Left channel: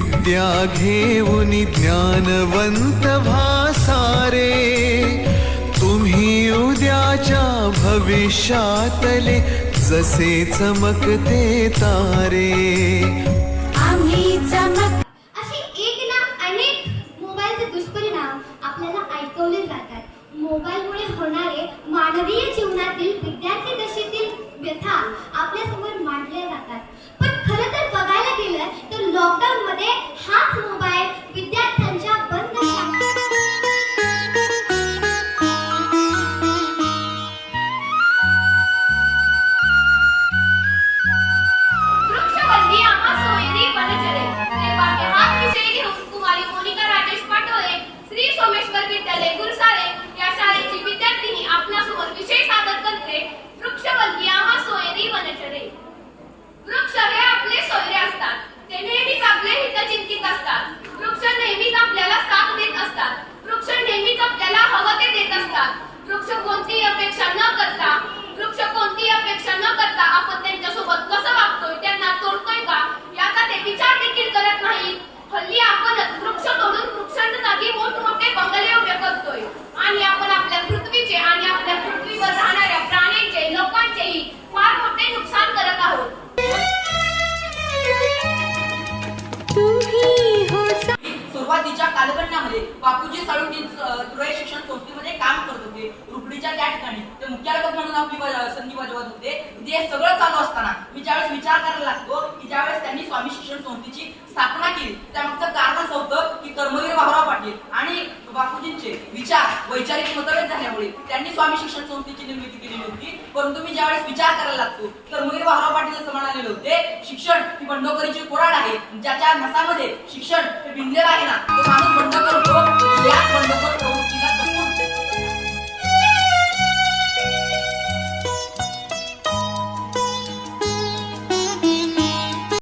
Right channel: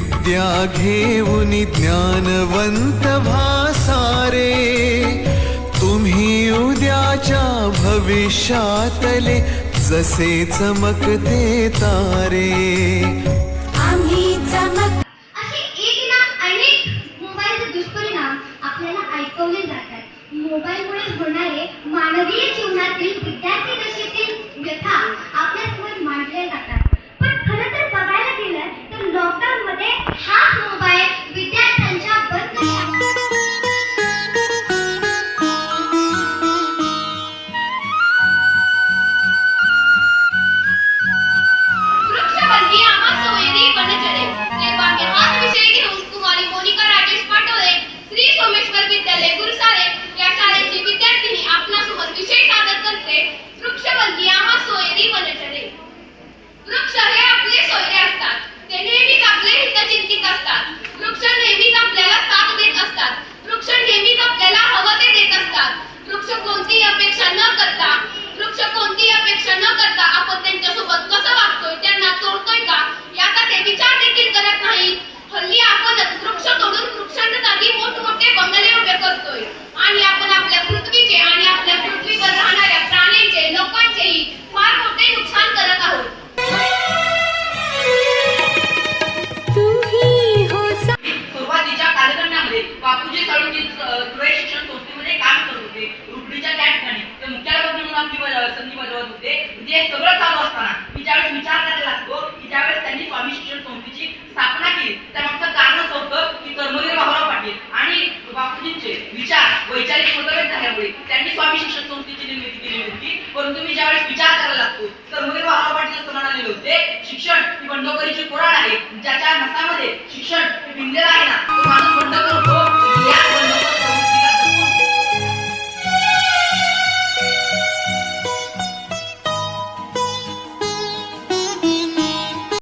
विद्या घेऊन ज्ञानवंत भासारे, तुम्ही उद्याच्या भविष्यातले जसे चमकते तारे। आम्ही चमक। असे एक ना अनेक मोबाईलचे दुष्परिणाम आपल्याला ऐकवले जातात। मोबाईलमुळे होणारे मानवीय जीवनातील विद्यार्थी दशेतील व्यथा आपल्यासमोर मांडल्या जातात। पण खरं तर बघायला गेलं तर लॉकडाऊन मध्ये हाच मोबाईल विद्यार्थ्यांच्या बंद विद्यालय गुरुसारे या शाळेची विद्यार्थिनी आपल्यासमोर विषय सादर करते। वृक्षवंती आम्हा सोयरी वनचरे। वृक्ष हे आपले सोयरे असतात, ते नेहमीच आपले हित चिंतित असतात। वृक्ष नेहमीच आपल्याला साथ देत असतात, वृक्ष नेहमीच आपल्याला हवं ते देत असतात। वृक्ष कोणतीही अपेक्षा न करता आपण त्यांच्यासोबत कसं वागतोय, त्यांना तोडतोय का याचा ते विचार देखील करत नाहीत। हल्ली आपणच वृक्ष तोडून वृक्षांच्या जागी मोठमोठे बंगले उभे करतोय आणि आपण आपल्या पृथ्वीचे आणि आपल्या पृथ्वीवर राहणाऱ्या प्राण्यांचे, लोकांचेही फार मोठे नुकसान करत आहोत। सुरुवातीच्या कालखंडामध्ये बापूजी साळुंखे धुळे शिक्षण संस्थेमध्ये काम करत होते। रुपडीच्या त्या ठिकाणी ते मुख्याध्यापक म्हणून आपली संधी बजावत होते। हे सगळं चालू असताना मी ज्यावेळेस विचार करायला लागतो की ज्यावेळेस त्यांनी स्वामी शिक्षण संस्थेची स्थापना केली त्यामागचं कारण असं होतं की कर्मवीर भाऊराव पाटील आणि बापूजींचे विचार वैचारिक मतभेद झाल्यामुळे त्यांनी स्वामी शिक्षण संस्थेची निर्मिती केली होती। परंतु मी ज्यावेळेस विचार करायला लागतो कर्मवीर भाऊराव पाटील असं म्हणालेले होते, शिक्षण ही बंडखोरीची कुऱ्हाड आहे, ज्याच्या नसामध्ये शिक्षण हे भिनलेलं आहे ना, तो माणूस बंडखोर